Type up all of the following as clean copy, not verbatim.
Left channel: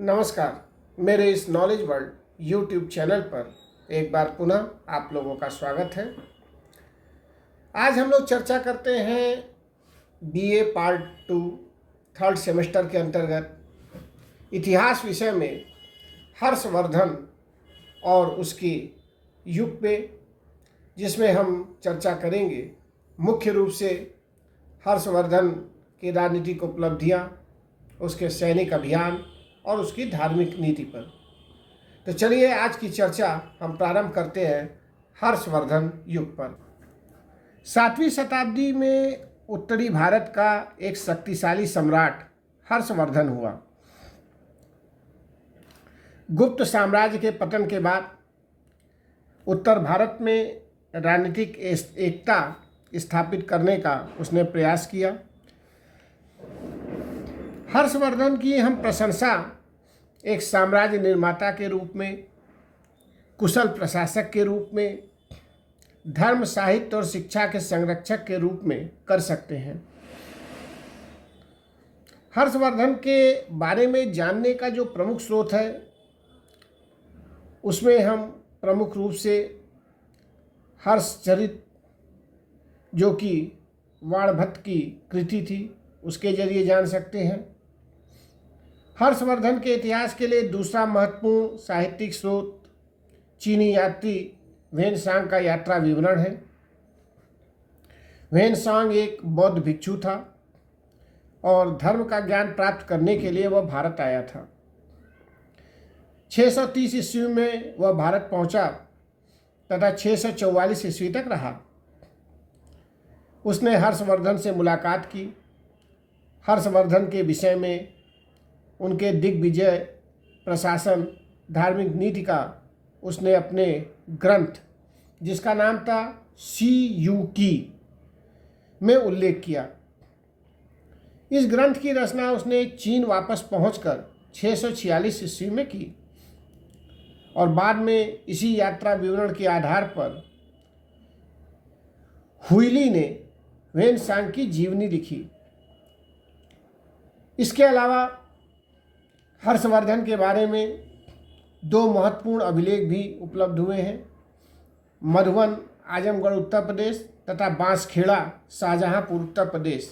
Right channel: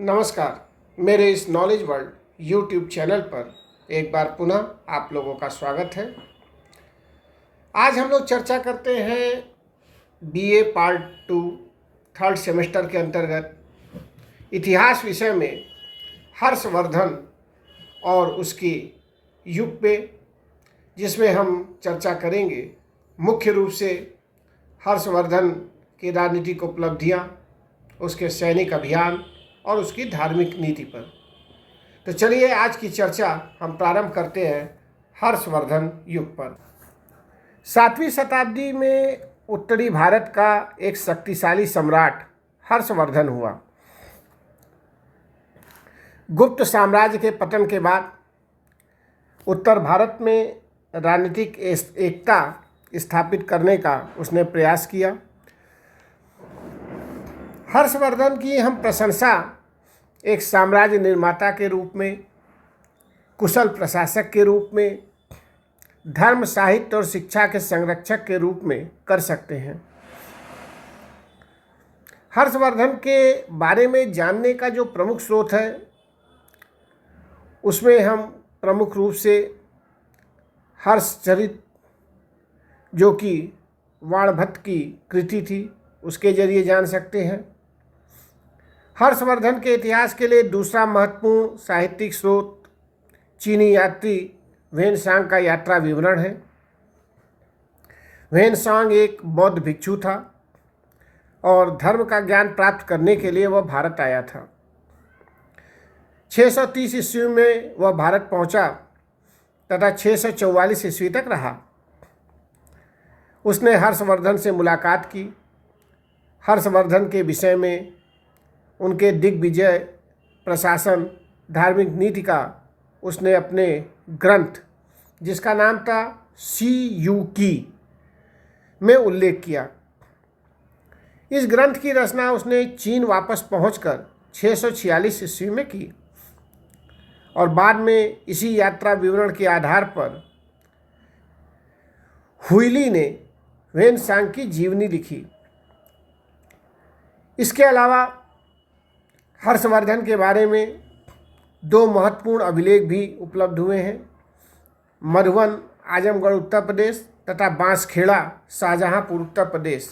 नमस्कार। मेरे इस नॉलेज वर्ल्ड यूट्यूब चैनल पर एक बार पुनः आप लोगों का स्वागत है। आज हम लोग चर्चा करते हैं बीए पार्ट 2 थर्ड सेमेस्टर के अंतर्गत इतिहास विषय में हर्षवर्धन और उसकी युग पे, जिसमें हम चर्चा करेंगे मुख्य रूप से हर्षवर्धन की राजनीतिक उपलब्धियां, उसके सैनिक अभियान और उसकी धार्मिक नीति पर। तो चलिए आज की चर्चा हम प्रारंभ करते हैं हर्षवर्धन युग पर। 7वीं शताब्दी में उत्तरी भारत का एक शक्तिशाली सम्राट हर्षवर्धन हुआ। गुप्त साम्राज्य के पतन के बाद उत्तर भारत में राजनीतिक एकता स्थापित करने का उसने प्रयास किया। हर्षवर्धन की हम प्रशंसा एक साम्राज्य निर्माता के रूप में, कुशल प्रशासक के रूप में, धर्म, साहित्य और शिक्षा के संरक्षक के रूप में कर सकते हैं। हर्षवर्धन के बारे में जानने का जो प्रमुख स्रोत है, उसमें हम प्रमुख रूप से हर्षचरित, जो कि वाणभट्ट की कृति थी, उसके जरिए जान सकते हैं। हर्षवर्धन के इतिहास के लिए दूसरा महत्वपूर्ण साहित्यिक स्रोत चीनी यात्री ह्वेनसांग का यात्रा विवरण है। ह्वेनसांग एक बौद्ध भिक्षु था और धर्म का ज्ञान प्राप्त करने के लिए वह भारत आया था। 630 ईस्वी में वह भारत पहुंचा तथा 644 ईस्वी तक रहा। उसने हर्षवर्धन से मुलाकात की। हर्षवर्धन के विषय में, उनके दिग्विजय, प्रशासन, धार्मिक नीति का उसने अपने ग्रंथ, जिसका नाम था सी यू की, में उल्लेख किया। इस ग्रंथ की रचना उसने चीन वापस पहुंचकर 646 ईस्वी में की और बाद में इसी यात्रा विवरण के आधार पर हुइली ने ह्वेनसांग की जीवनी लिखी। इसके अलावा हर्षवर्धन के बारे में 2 महत्वपूर्ण अभिलेख भी उपलब्ध हुए हैं। मधुबन, आजमगढ़, उत्तर प्रदेश तथा बांसखेड़ा, शाहजहांपुर, उत्तर प्रदेश।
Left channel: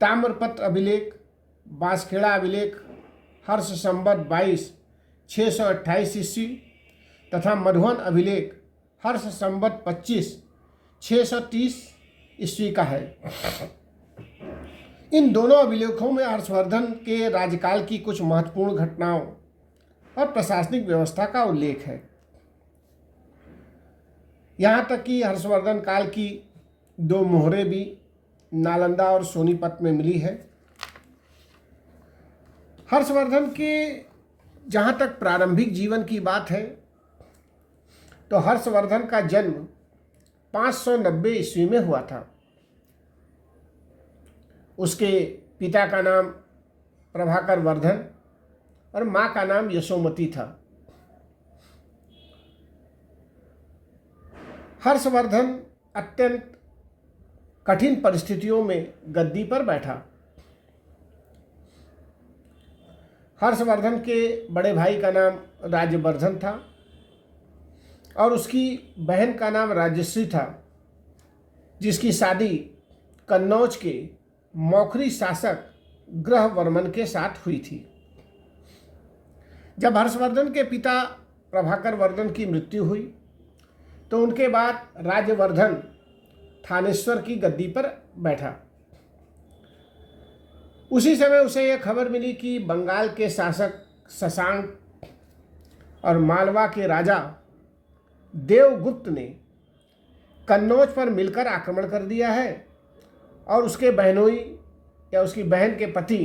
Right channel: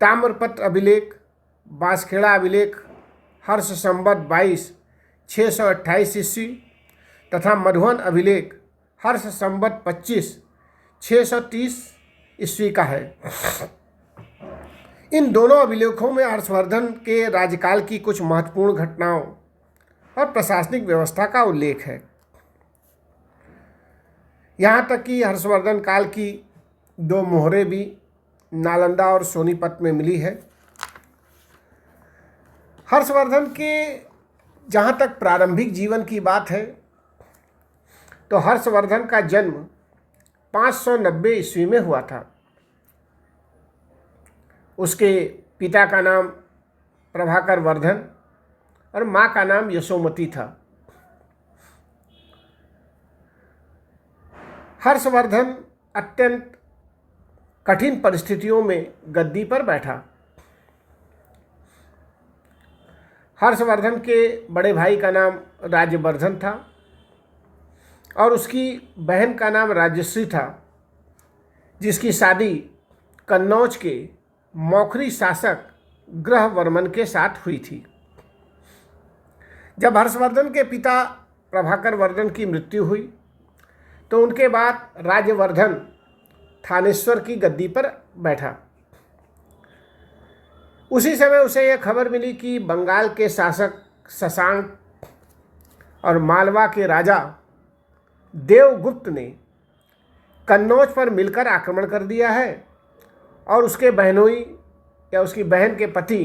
ताम्रपत्र अभिलेख, बांसखेड़ा अभिलेख हर्ष संवत 22 628 ईस्वी तथा मधुबन अभिलेख हर्ष संवत 25 630 ईस्वी का है। इन दोनों अभिलेखों में हर्षवर्धन के राज्यकाल की कुछ महत्वपूर्ण घटनाओं और प्रशासनिक व्यवस्था का उल्लेख है। यहाँ तक कि हर्षवर्धन काल की 2 मोहरें भी नालंदा और सोनीपत में मिली है। हर्षवर्धन के जहाँ तक प्रारंभिक जीवन की बात है, तो हर्षवर्धन का जन्म 590 ईस्वी में हुआ था। उसके पिता का नाम प्रभाकर वर्धन और माँ का नाम यशोमती था। हर्षवर्धन अत्यंत कठिन परिस्थितियों में गद्दी पर बैठा। हर्षवर्धन के बड़े भाई का नाम राज्यवर्धन था और उसकी बहन का नाम राजश्री था, जिसकी शादी कन्नौज के मौखरी शासक ग्रहवर्मन के साथ हुई थी। जब हर्षवर्धन के पिता प्रभाकर वर्धन की मृत्यु हुई, तो उनके बाद राज्यवर्धन थानेश्वर की गद्दी पर बैठा। उसी समय उसे यह खबर मिली कि बंगाल के शासक शशांक और मालवा के राजा देवगुप्त ने कन्नौज पर मिलकर आक्रमण कर दिया है और उसके बहनोई या उसकी बहन के पति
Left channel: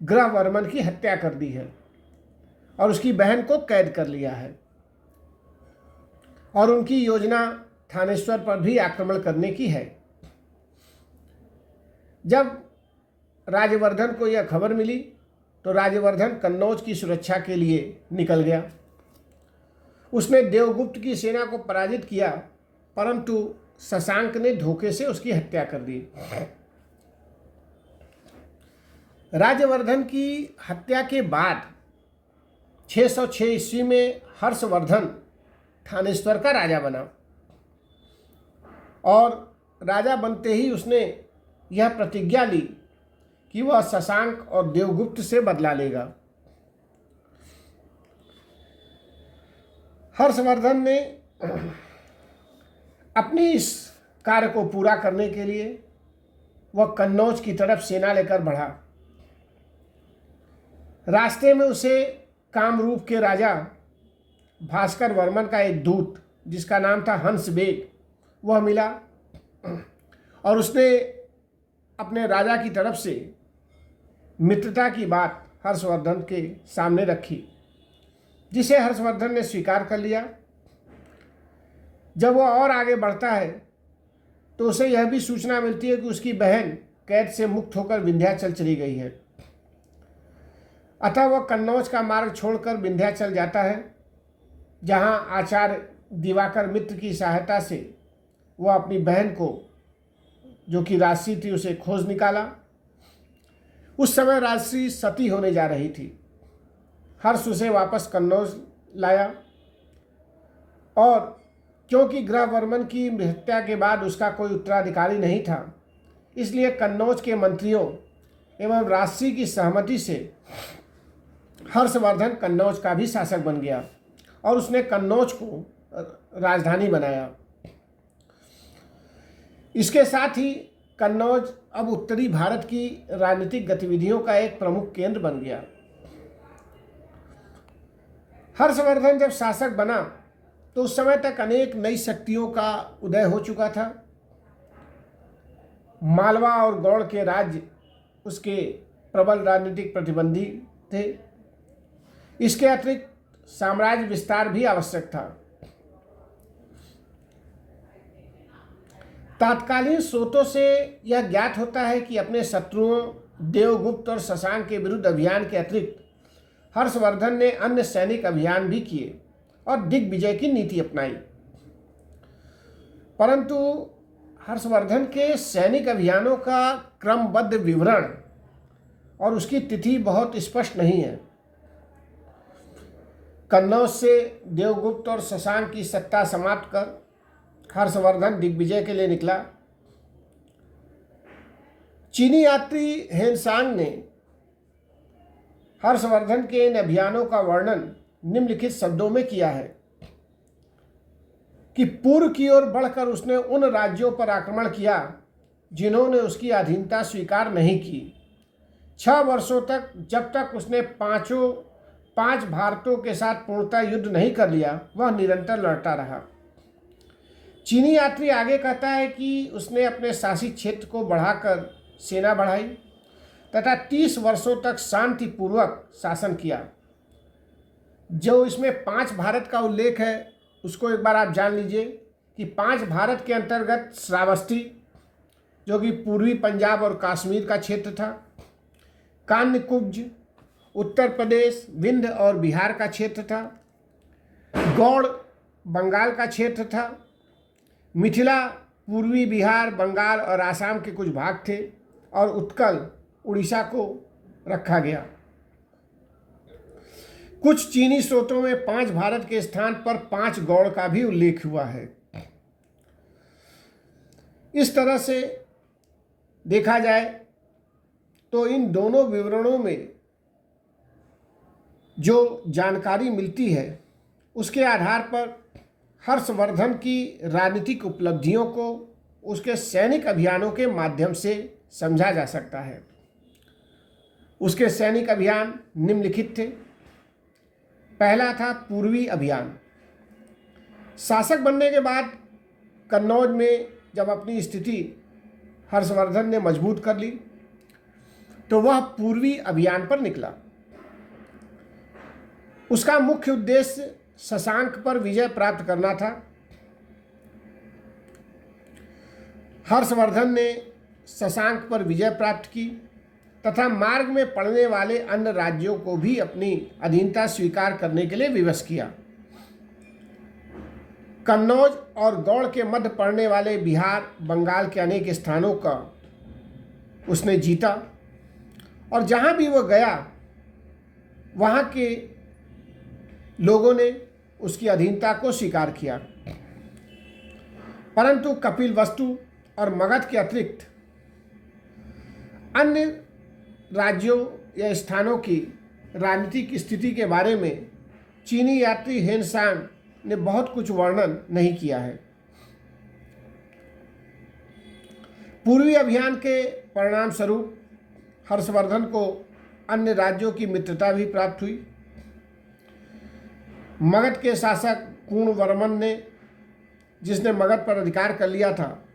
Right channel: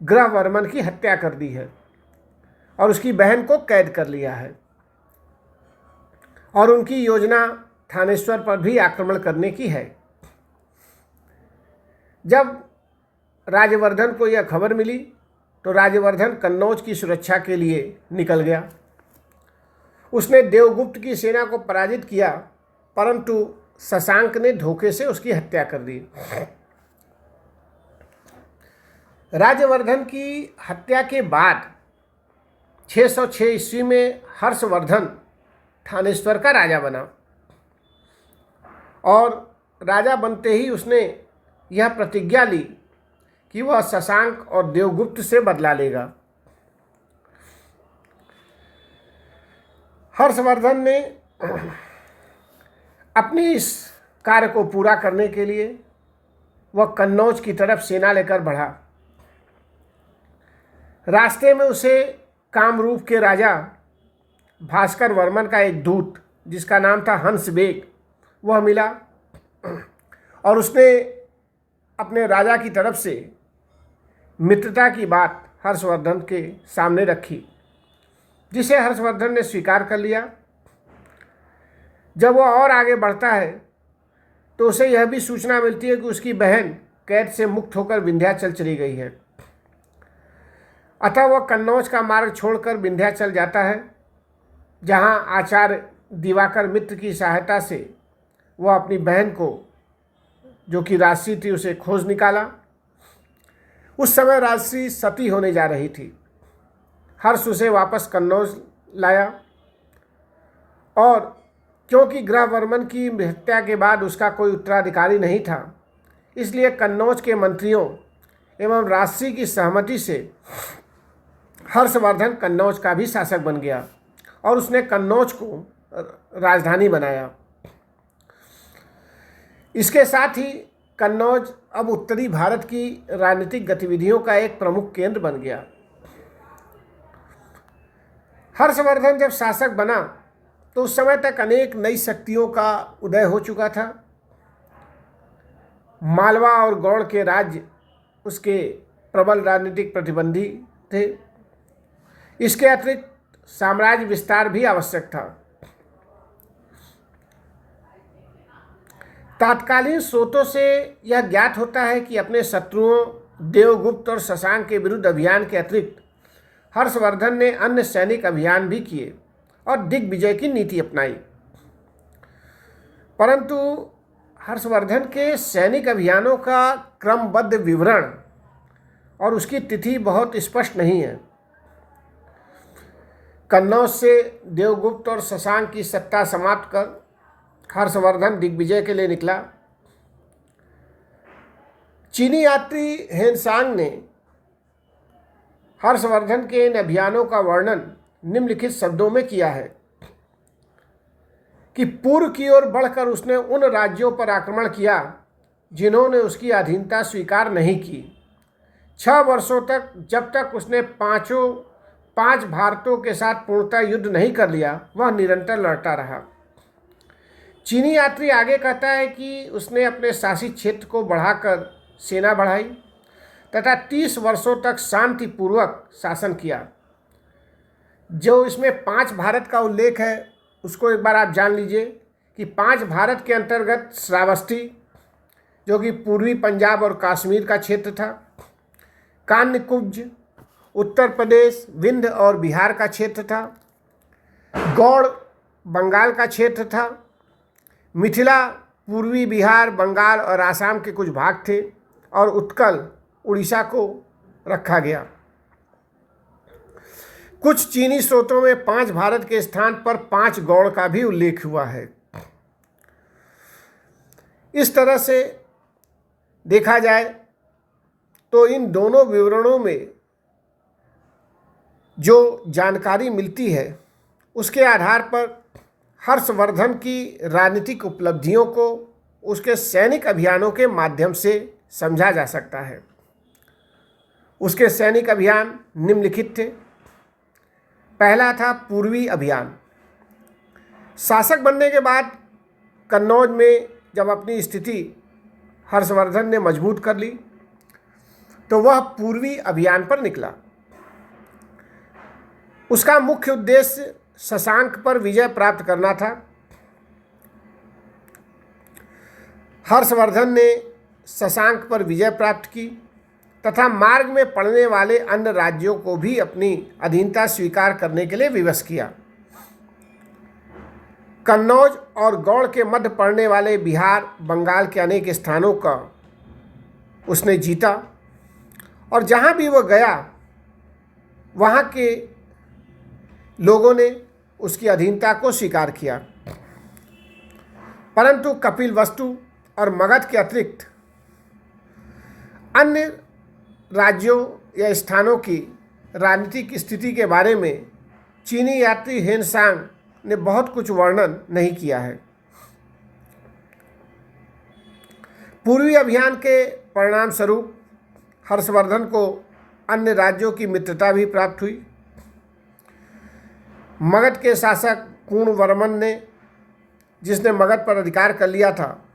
ग्रहवर्मन की हत्या कर दी है और उसकी बहन को कैद कर लिया है और उनकी योजना थानेश्वर पर भी आक्रमण करने की है। जब राज्यवर्धन को यह खबर मिली, तो राज्यवर्धन कन्नौज की सुरक्षा के लिए निकल गया। उसने देवगुप्त की सेना को पराजित किया, परंतु शशांक ने धोखे से उसकी हत्या कर दी। राज्यवर्धन की हत्या के बाद 606 ईस्वी में हर्षवर्धन थानेश्वर का राजा बना और राजा बनते ही उसने यह प्रतिज्ञा ली कि वह शशांक और देवगुप्त से बदला लेगा। हर्षवर्धन ने अपनी इस कार्य को पूरा करने के लिए वह कन्नौज की तरफ सेना लेकर बढ़ा। रास्ते में उसे कामरूप के राजा भास्कर वर्मन का एक दूत जिसका नाम था हंस बेग वह मिला और उसने अपने राजा की तरफ से मित्रता की बात हर्षवर्धन के सामने रखी, जिसे हर्षवर्धन ने स्वीकार कर लिया। जब वह और आगे बढ़ता है तो उसे यह भी सूचना मिलती है कि उसकी बहन कैद से मुक्त होकर विंध्याचल चली गई है। अतः वह कन्नौज का मार्ग छोड़कर विंध्याचल जाता है, जहां आचार्य दिवाकर मित्र की सहायता से वह अपनी बहन को, जो कि राजसी थी, उसे खोज निकाला। उस समय राजसी सती होने जा रही थी। हर्ष उसे वापस कन्नौज लाया और क्योंकि ग्रहवर्मन की हत्या के बाद उसका कोई उत्तराधिकारी नहीं था, इसलिए कन्नौज के मंत्रियों एवं राजसी की सहमति से हर्षवर्धन कन्नौज का भी शासक बन गया और उसने कन्नौज को राजधानी बनाया। इसके साथ ही कन्नौज अब उत्तरी भारत की राजनीतिक गतिविधियों का एक प्रमुख केंद्र बन गया। हर्षवर्धन जब शासक बना तो उस समय तक अनेक नई शक्तियों का उदय हो चुका था। मालवा और गौड़ के राज्य उसके प्रबल राजनीतिक प्रतिबंधी थे। इसके अतिरिक्त साम्राज्य विस्तार भी आवश्यक था। तात्कालीन स्रोतों से यह ज्ञात होता है कि अपने शत्रुओं देवगुप्त और शशांक के विरुद्ध अभियान के अतिरिक्त हर्षवर्धन ने अन्य सैनिक अभियान भी किए और दिग्विजय की नीति अपनाई। परंतु हर्षवर्धन के सैनिक अभियानों का क्रमबद्ध विवरण और उसकी तिथि बहुत स्पष्ट नहीं है। कन्नौज से देवगुप्त और शशांक की सत्ता समाप्त कर हर्षवर्धन दिग्विजय के लिए निकला। चीनी यात्री हेनसांग ने हर्षवर्धन के इन अभियानों का वर्णन निम्नलिखित शब्दों में किया है कि पूर्व की ओर बढ़कर उसने उन राज्यों पर आक्रमण किया जिन्होंने उसकी अधीनता स्वीकार नहीं की। 6 वर्षों तक, जब तक उसने पांच भारतों के साथ पूर्णतः युद्ध नहीं कर लिया, वह निरंतर लड़ता रहा। चीनी यात्री आगे कहता है कि उसने अपने शासित क्षेत्र को बढ़ाकर सेना बढ़ाई तथा 30 वर्षों तक शांतिपूर्वक शासन किया। जो इसमें 5 भारत का उल्लेख है उसको एक बार आप जान लीजिए कि 5 भारत के अंतर्गत श्रावस्ती, जो कि पूर्वी पंजाब और कश्मीर का क्षेत्र था, कान्यकुब्ज उत्तर प्रदेश, विंध्य और बिहार का क्षेत्र था, गौड़ बंगाल का क्षेत्र था, मिथिला पूर्वी बिहार, बंगाल और आसाम के कुछ भाग थे और उत्कल उड़ीसा को रखा गया। कुछ चीनी स्रोतों में 5 भारत के स्थान पर 5 गौड़ का भी उल्लेख हुआ है। इस तरह से देखा जाए तो इन दोनों विवरणों में जो जानकारी मिलती है उसके आधार पर हर्षवर्धन की राजनीतिक उपलब्धियों को उसके सैनिक अभियानों के माध्यम से समझा जा सकता है। उसके सैनिक अभियान निम्नलिखित थे। पहला था पूर्वी अभियान। शासक बनने के बाद कन्नौज में जब अपनी स्थिति हर्षवर्धन ने मजबूत कर ली तो वह पूर्वी अभियान पर निकला। उसका मुख्य उद्देश्य शशांक पर विजय प्राप्त करना था। हर्षवर्धन ने शशांक पर विजय प्राप्त की तथा मार्ग में पड़ने वाले अन्य राज्यों को भी अपनी अधीनता स्वीकार करने के लिए विवश किया। कन्नौज और गौड़ के मध्य पड़ने वाले बिहार, बंगाल के अनेक स्थानों का उसने जीता और जहाँ भी वो गया वहाँ के लोगों ने उसकी अधीनता को स्वीकार किया। परंतु कपिलवस्तु और मगध के अतिरिक्त अन्य राज्यों या स्थानों की राजनीतिक स्थिति के बारे में चीनी यात्री हेनसांग ने बहुत कुछ वर्णन नहीं किया है। पूर्वी अभियान के परिणाम स्वरूप हर्षवर्धन को अन्य राज्यों की मित्रता भी प्राप्त हुई। मगध के शासक पूर्णवर्मन ने, जिसने मगध पर अधिकार कर लिया था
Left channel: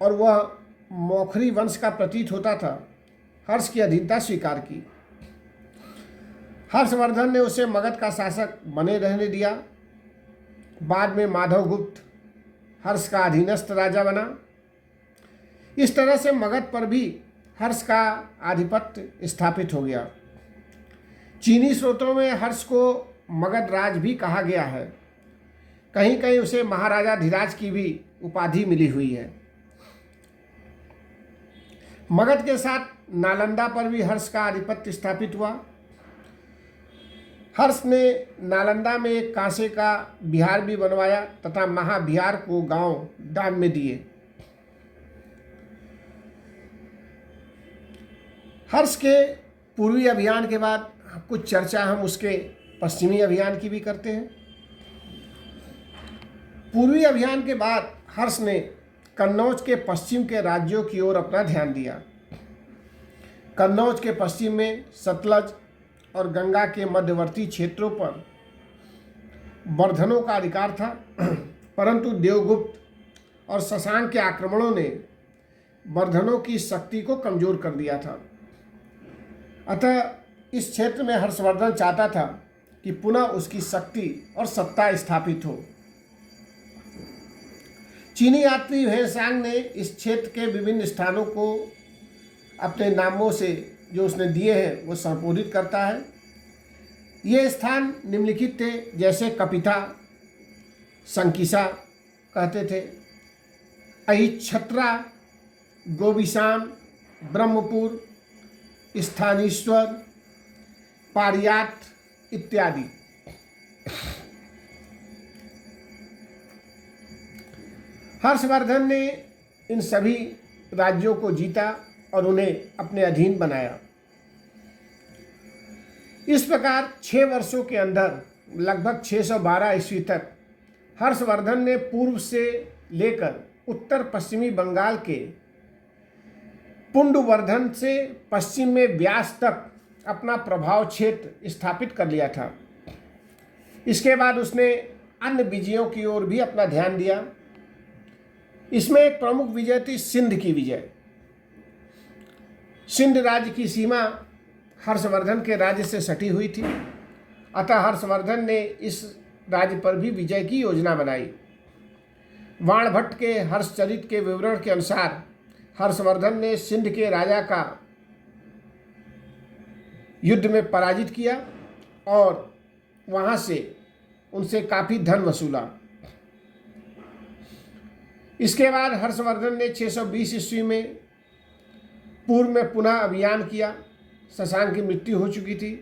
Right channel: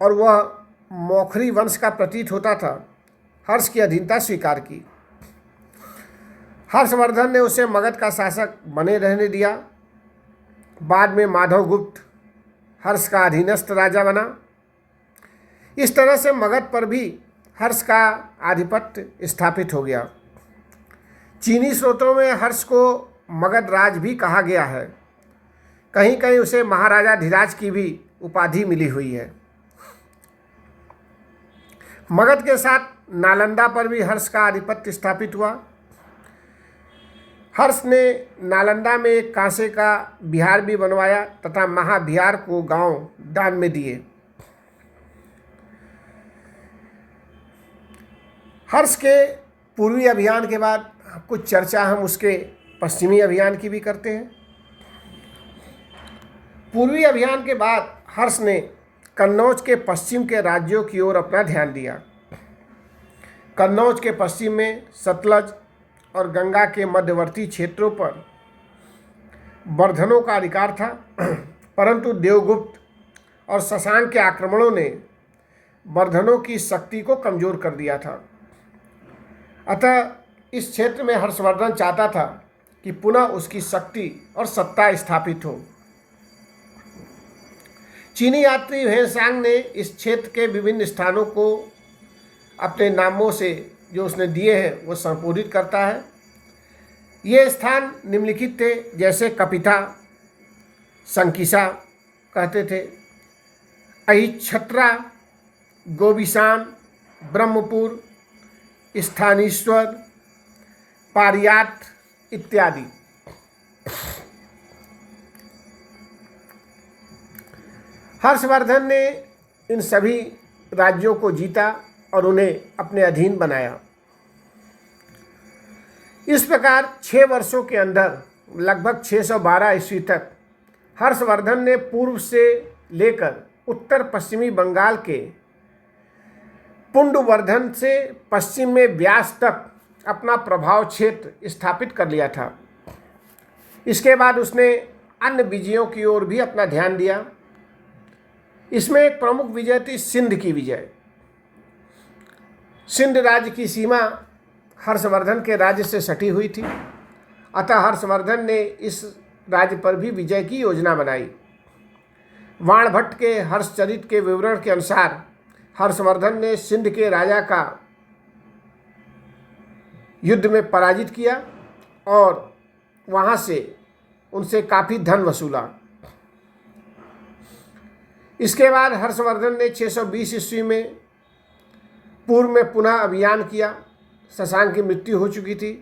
और वह मौखरी वंश का प्रतीत होता था, हर्ष की अधीनता स्वीकार की। हर्षवर्धन ने उसे मगध का शासक बने रहने दिया। बाद में माधवगुप्त हर्ष का अधीनस्थ राजा बना। इस तरह से मगध पर भी हर्ष का आधिपत्य स्थापित हो गया। चीनी स्रोतों में हर्ष को मगध राज भी कहा गया है। कहीं कहीं उसे महाराजा धीराज की भी उपाधि मिली हुई है। मगध के साथ नालंदा पर भी हर्ष का आधिपत्य स्थापित हुआ। हर्ष ने नालंदा में एक कांसे का विहार भी बनवाया तथा महाविहार को गांव दान में दिए। हर्ष के पूर्वी अभियान के बाद कुछ चर्चा हम उसके पश्चिमी अभियान की भी करते हैं। पूर्वी अभियान के बाद हर्ष ने कन्नौज के पश्चिम के राज्यों की ओर अपना ध्यान दिया। कन्नौज के पश्चिम में सतलज और गंगा के मध्यवर्ती क्षेत्रों पर वर्धनों का अधिकार था, परंतु देवगुप्त और शशांक के आक्रमणों ने वर्धनों की शक्ति को कमजोर कर दिया था। अतः इस क्षेत्र में हर्षवर्धन चाहता था कि पुनः उसकी शक्ति और सत्ता स्थापित हो। चीनी यात्री हेनसांग ने इस क्षेत्र के विभिन्न स्थानों को अपने नामों से जो उसने दिए हैं वो संबोधित करता है। ये स्थान निम्नलिखित थे, जैसे कपिता, संकिसा कहते थे, अहिछत्रा, गोबिशान, ब्रह्मपुर, स्थानीश्वर, पारियात इत्यादि। हर्षवर्धन ने इन सभी राज्यों को जीता और उन्हें अपने अधीन बनाया। इस प्रकार 6 वर्षों के अंदर लगभग 612 ईस्वी तक हर्षवर्धन ने पूर्व से लेकर उत्तर पश्चिमी बंगाल के पुंडवर्धन से पश्चिम में व्यास तक अपना प्रभाव क्षेत्र स्थापित कर लिया था। इसके बाद उसने अन्य विजयों की ओर भी अपना ध्यान दिया। इसमें एक प्रमुख विजय थी सिंध की विजय। सिंध राज्य की सीमा हर्षवर्धन के राज्य से सटी हुई थी, अतः हर्षवर्धन ने इस राज्य पर भी विजय की योजना बनाई। वाणभट्ट के हर्षचरित के विवरण के अनुसार हर्षवर्धन ने सिंध के राजा का युद्ध में पराजित किया और वहाँ से उनसे काफ़ी धन वसूला। इसके बाद हर्षवर्धन ने 620 ईस्वी में पूर्व में पुनः अभियान किया। शशांक की मृत्यु हो चुकी थी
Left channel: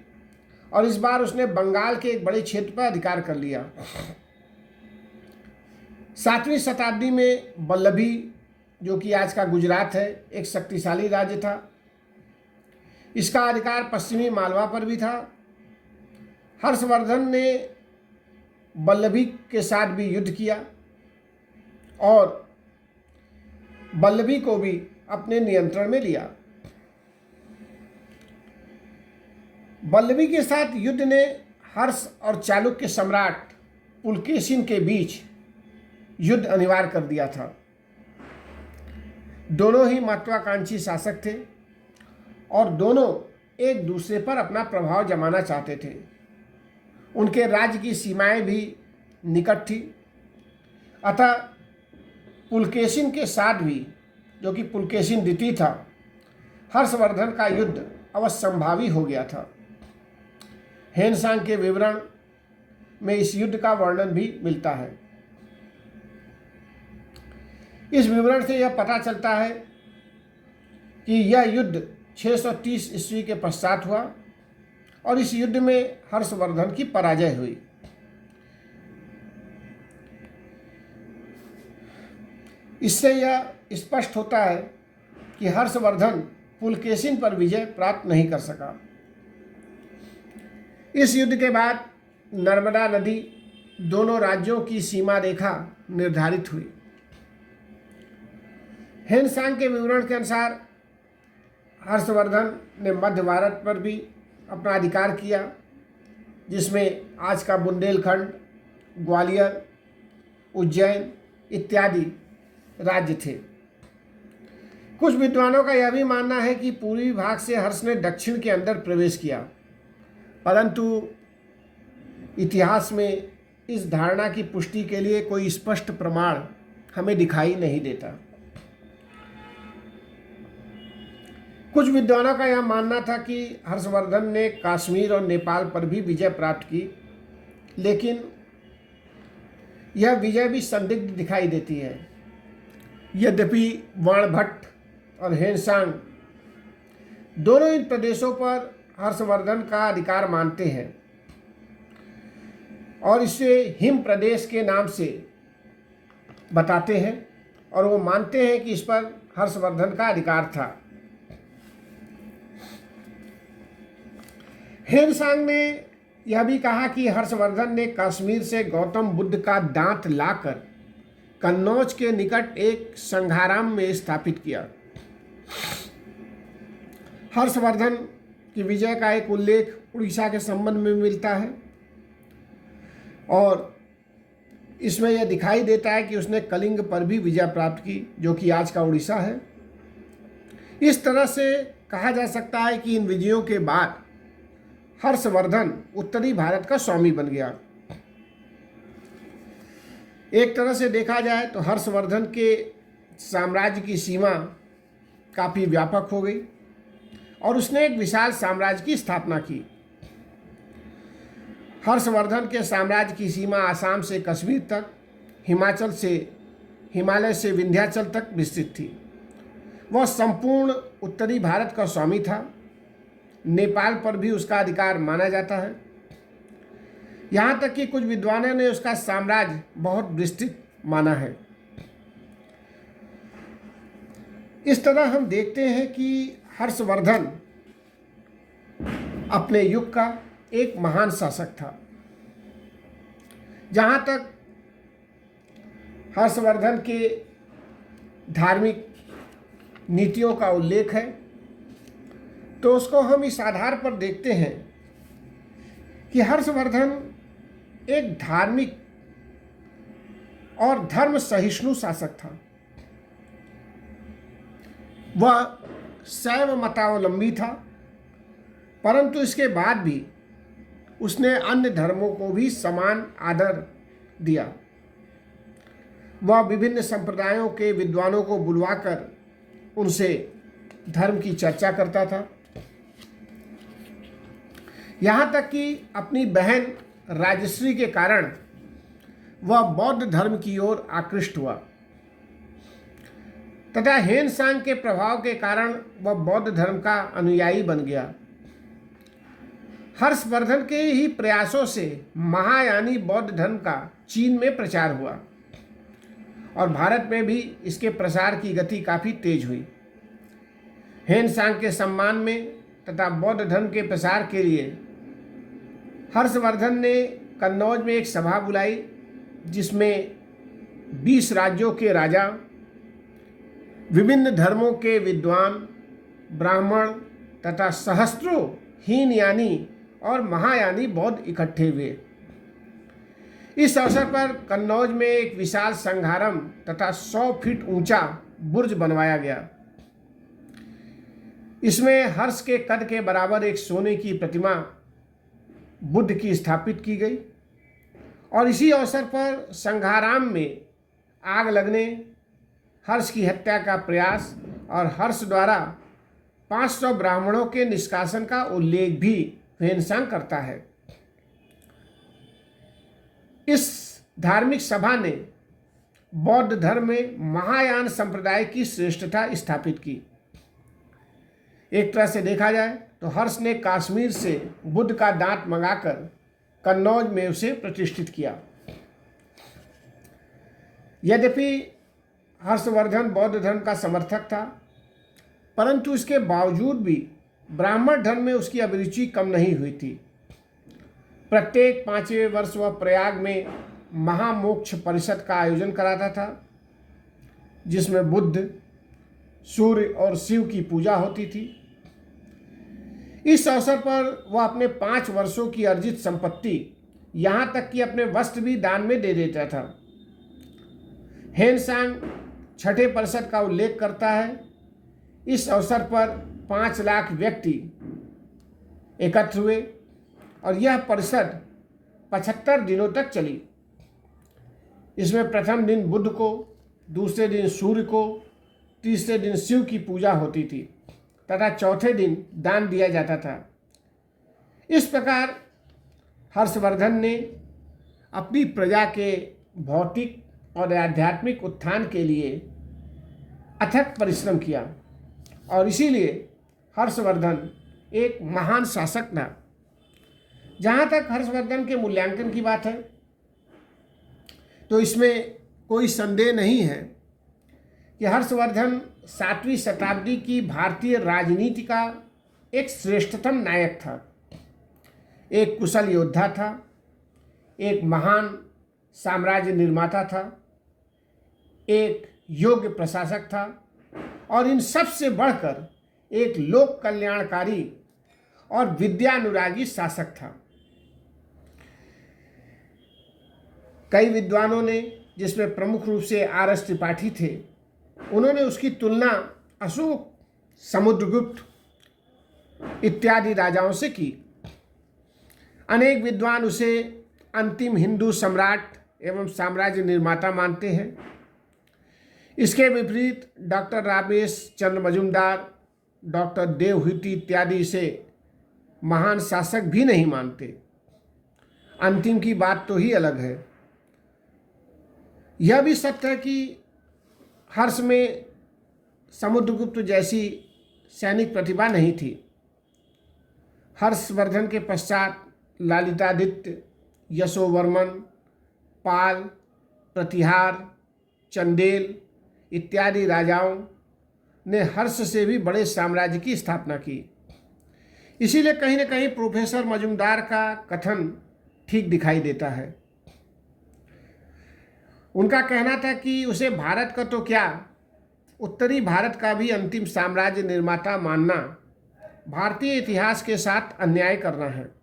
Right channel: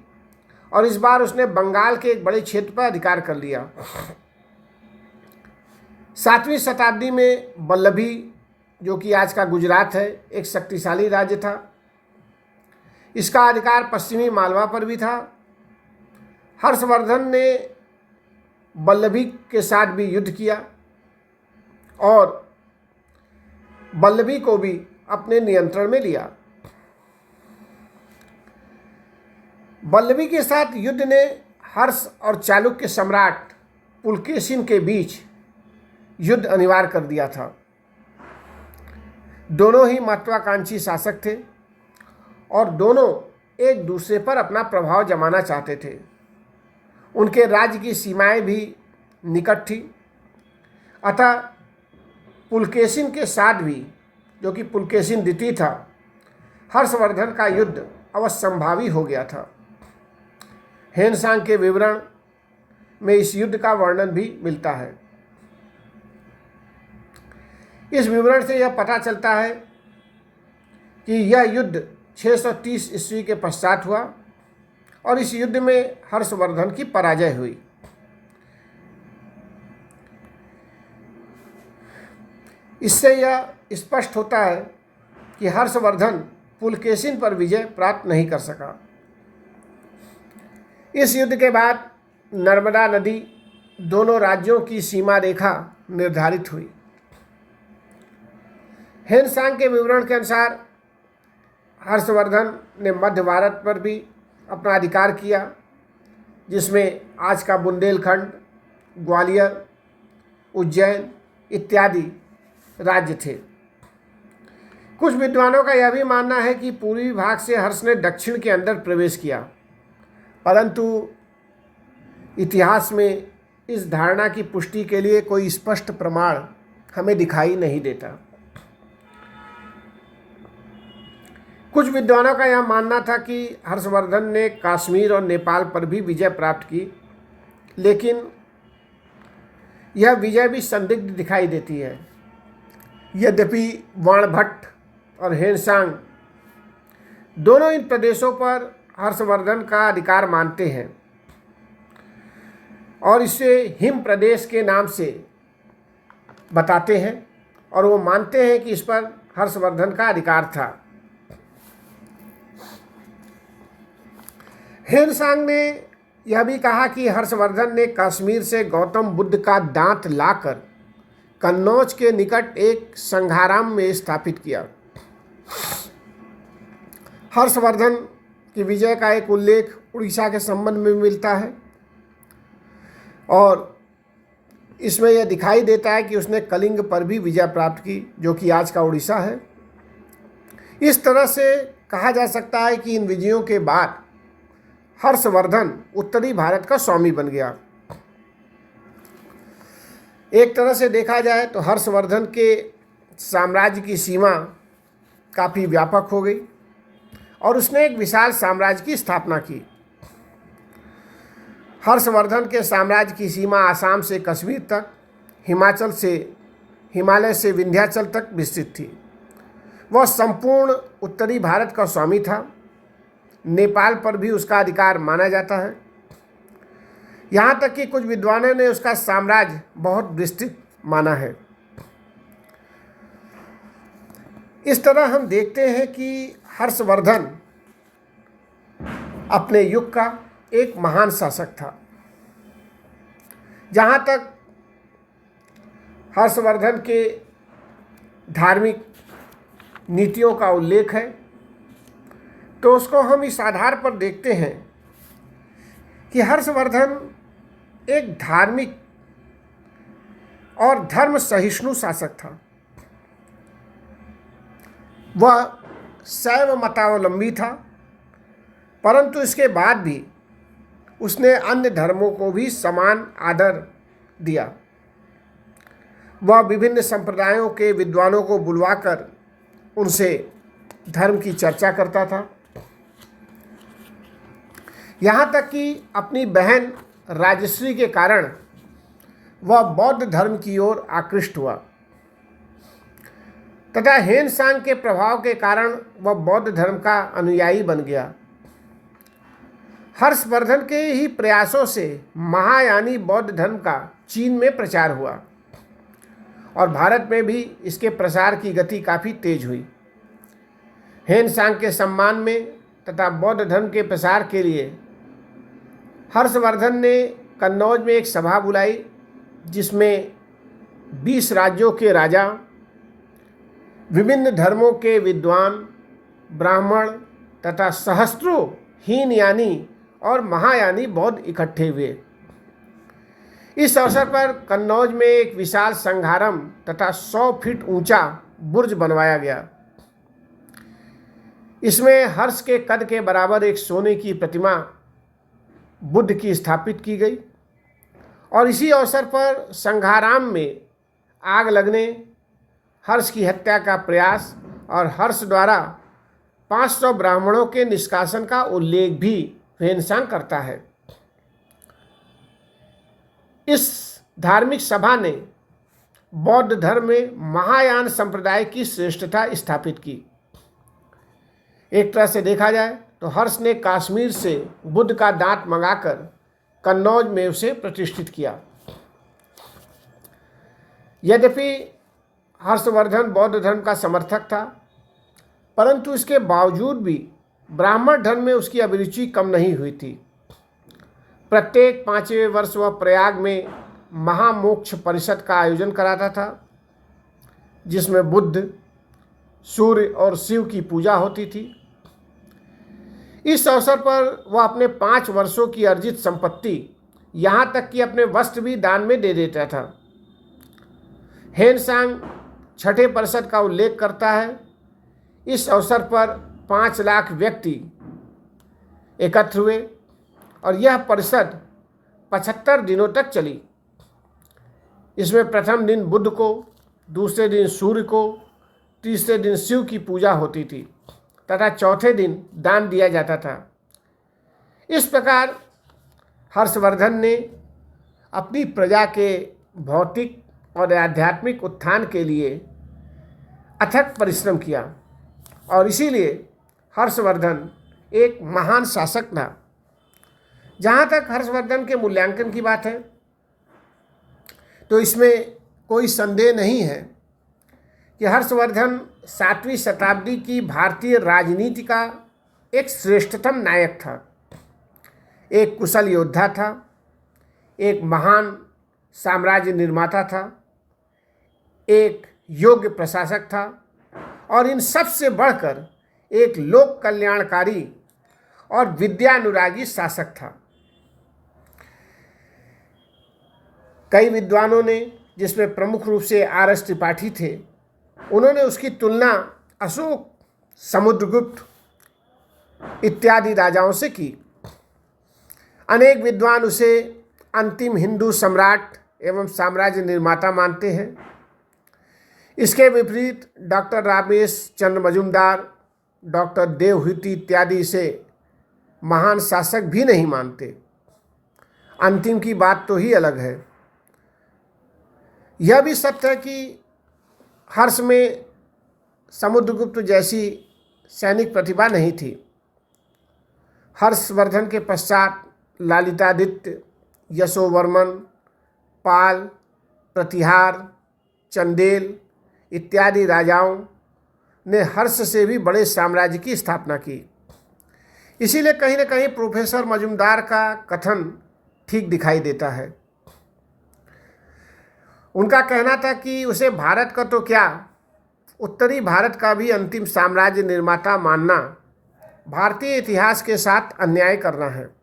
और इस बार उसने बंगाल के एक बड़े क्षेत्र पर अधिकार कर लिया। 7वीं शताब्दी में वल्लभी, जो कि आज का गुजरात है, एक शक्तिशाली राज्य था। इसका अधिकार पश्चिमी मालवा पर भी था। हर्षवर्धन ने वल्लभी के साथ भी युद्ध किया और वल्लभी को भी अपने नियंत्रण में लिया। वल्लभी के साथ युद्ध ने हर्ष और चालुक्य सम्राट पुलकेशिन के बीच युद्ध अनिवार्य कर दिया था। दोनों ही महत्वाकांक्षी शासक थे और दोनों एक दूसरे पर अपना प्रभाव जमाना चाहते थे। उनके राज्य की सीमाएं भी निकट थी, अतः पुलकेशिन के साथ भी, जो कि पुलकेशिन द्वितीय था, हर्षवर्धन का युद्ध अवश्यंभावी हो गया था। हेनसांग के विवरण में इस युद्ध का वर्णन भी मिलता है। इस विवरण से यह पता चलता है कि यह युद्ध 630 ईस्वी के पश्चात हुआ और इस युद्ध में हर्षवर्धन की पराजय हुई। इससे यह स्पष्ट होता है कि हर्षवर्धन पुलकेशिन पर विजय प्राप्त नहीं कर सका। इस युद्ध के बाद नर्मदा नदी दोनों राज्यों की सीमा रेखा निर्धारित हुई। हेनसांग के विवरण के अनुसार हर्षवर्धन ने मध्य भारत पर भी अपना अधिकार किया, जिसमें आज का बुंदेलखंड, ग्वालियर, उज्जैन इत्यादि राज्य थे। कुछ विद्वानों का यह भी मानना है कि पूर्वी भाग से हर्ष ने दक्षिण के अंदर प्रवेश किया, परंतु इतिहास में इस धारणा की पुष्टि के लिए कोई स्पष्ट प्रमाण हमें दिखाई नहीं देता। कुछ विद्वानों का यह मानना था कि हर्षवर्धन ने कश्मीर और नेपाल पर भी विजय प्राप्त की, लेकिन यह विजय भी संदिग्ध दिखाई देती है। यद्यपि बाणभट्ट और हेनसांग दोनों इन प्रदेशों पर हर्षवर्धन का अधिकार मानते हैं और इसे हिम प्रदेश के नाम से बताते हैं, और वो मानते हैं कि इस पर हर्षवर्धन का अधिकार था। हेनसांग ने यह भी कहा कि हर्षवर्धन ने कश्मीर से गौतम बुद्ध का दांत लाकर कन्नौज के निकट एक संघाराम में स्थापित किया। हर्षवर्धन की विजय का एक उल्लेख उड़ीसा के संबंध में मिलता है और इसमें यह दिखाई देता है कि उसने कलिंग पर भी विजय प्राप्त की, जो कि आज का उड़ीसा है। इस तरह से कहा जा सकता है कि इन विजयों के बाद हर्षवर्धन उत्तरी भारत का स्वामी बन गया। एक तरह से देखा जाए तो हर्षवर्धन के साम्राज्य की सीमा काफ़ी व्यापक हो गई और उसने एक विशाल साम्राज्य की स्थापना की। हर्षवर्धन के साम्राज्य की सीमा आसाम से कश्मीर तक, हिमालय से विंध्याचल तक विस्तृत थी। वह संपूर्ण उत्तरी भारत का स्वामी था। नेपाल पर भी उसका अधिकार माना जाता है। यहाँ तक कि कुछ विद्वानों ने उसका साम्राज्य बहुत विस्तृत माना है। इस तरह हम देखते हैं कि हर्षवर्धन अपने युग का एक महान शासक था। जहाँ तक हर्षवर्धन के धार्मिक नीतियों का उल्लेख है, तो उसको हम इस आधार पर देखते हैं कि हर्षवर्धन एक धार्मिक और धर्म सहिष्णु शासक था। वह शैव मतावलंबी था, परंतु इसके बाद भी उसने अन्य धर्मों को भी समान आदर दिया। वह विभिन्न संप्रदायों के विद्वानों को बुलवाकर उनसे धर्म की चर्चा करता था। यहाँ तक कि अपनी बहन राजश्री के कारण वह बौद्ध धर्म की ओर आकृष्ट हुआ तथा हेनसांग के प्रभाव के कारण वह बौद्ध धर्म का अनुयायी बन गया। हर्षवर्धन के ही प्रयासों से महायानी बौद्ध धर्म का चीन में प्रचार हुआ और भारत में भी इसके प्रसार की गति काफ़ी तेज हुई। हेनसांग के सम्मान में तथा बौद्ध धर्म के प्रसार के लिए हर्षवर्धन ने कन्नौज में एक सभा बुलाई, जिसमें 20 राज्यों के राजा, विभिन्न धर्मों के विद्वान, ब्राह्मण तथा सहस्त्रों हीनयानी और महायानी बौद्ध इकट्ठे हुए। इस अवसर पर कन्नौज में एक विशाल संघारम तथा 100 फीट ऊंचा बुर्ज बनवाया गया। इसमें हर्ष के कद के बराबर एक सोने की प्रतिमा बुद्ध की स्थापित की गई और इसी अवसर पर संघाराम में आग लगने, हर्ष की हत्या का प्रयास और हर्ष द्वारा 500 ब्राह्मणों के निष्कासन का उल्लेख भी हेनसांग करता है। इस धार्मिक सभा ने बौद्ध धर्म में महायान संप्रदाय की श्रेष्ठता स्थापित की। एक तरह से देखा जाए तो हर्ष ने कश्मीर से बुद्ध का दांत मंगाकर कन्नौज में उसे प्रतिष्ठित किया। यद्यपि हर्षवर्धन बौद्ध धर्म का समर्थक था, परंतु इसके बावजूद भी ब्राह्मण धर्म में उसकी अभिरुचि कम नहीं हुई थी। प्रत्येक 5वें वर्ष वह प्रयाग में महामोक्ष परिषद का आयोजन कराता था, जिसमें बुद्ध, सूर्य और शिव की पूजा होती थी। इस अवसर पर वह अपने 5 वर्षों की अर्जित संपत्ति, यहाँ तक कि अपने वस्त्र भी दान में दे देता था। हेनसांग छठे परिषद का उल्लेख करता है। इस अवसर पर 5 लाख व्यक्ति एकत्र हुए और यह परिषद 75 दिनों तक चली। इसमें प्रथम दिन बुद्ध को, दूसरे दिन सूर्य को, तीसरे दिन शिव की पूजा होती थी तथा चौथे दिन दान दिया जाता था। इस प्रकार हर्षवर्धन ने अपनी प्रजा के भौतिक और आध्यात्मिक उत्थान के लिए अथक परिश्रम किया और इसीलिए हर्षवर्धन एक महान शासक था। जहाँ तक हर्षवर्धन के मूल्यांकन की बात है तो इसमें कोई संदेह नहीं है कि हर्षवर्धन 7वीं शताब्दी की भारतीय राजनीति का एक श्रेष्ठतम नायक था। एक कुशल योद्धा था, एक महान साम्राज्य निर्माता था, एक योग्य प्रशासक था और इन सब से बढ़कर एक लोक कल्याणकारी और विद्यानुरागी शासक था। कई विद्वानों ने, जिसमें प्रमुख रूप से आर.एस. त्रिपाठी थे, उन्होंने उसकी तुलना अशोक, समुद्रगुप्त इत्यादि राजाओं से की। अनेक विद्वान उसे अंतिम हिंदू सम्राट एवं साम्राज्य निर्माता मानते हैं। इसके विपरीत डॉक्टर रामेश चंद्र मजुमदार, डॉक्टर देवहूति इत्यादि इसे महान शासक भी नहीं मानते। अंतिम की बात तो ही अलग है। यह भी सत्य है कि हर्ष में समुद्रगुप्त जैसी सैनिक प्रतिभा नहीं थी। हर्षवर्धन के पश्चात ललितादित्य, यशोवर्मन, पाल, प्रतिहार, चंदेल इत्यादि राजाओं ने हर्ष से भी बड़े साम्राज्य की स्थापना की। इसीलिए कहीं न कहीं प्रोफेसर मजुमदार का कथन ठीक दिखाई देता है। उनका कहना था कि उसे भारत का तो क्या, उत्तरी भारत का भी अंतिम साम्राज्य निर्माता मानना भारतीय इतिहास के साथ अन्याय करना है।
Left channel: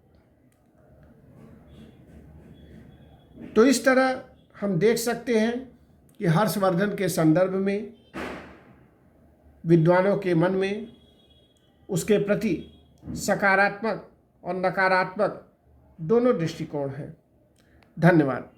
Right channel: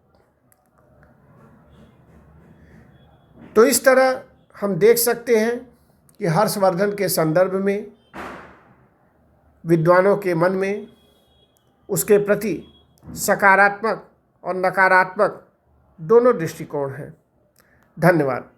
तो इस तरह हम देख सकते हैं कि हर्षवर्धन के संदर्भ में विद्वानों के मन में उसके प्रति सकारात्मक और नकारात्मक दोनों दृष्टिकोण हैं। धन्यवाद।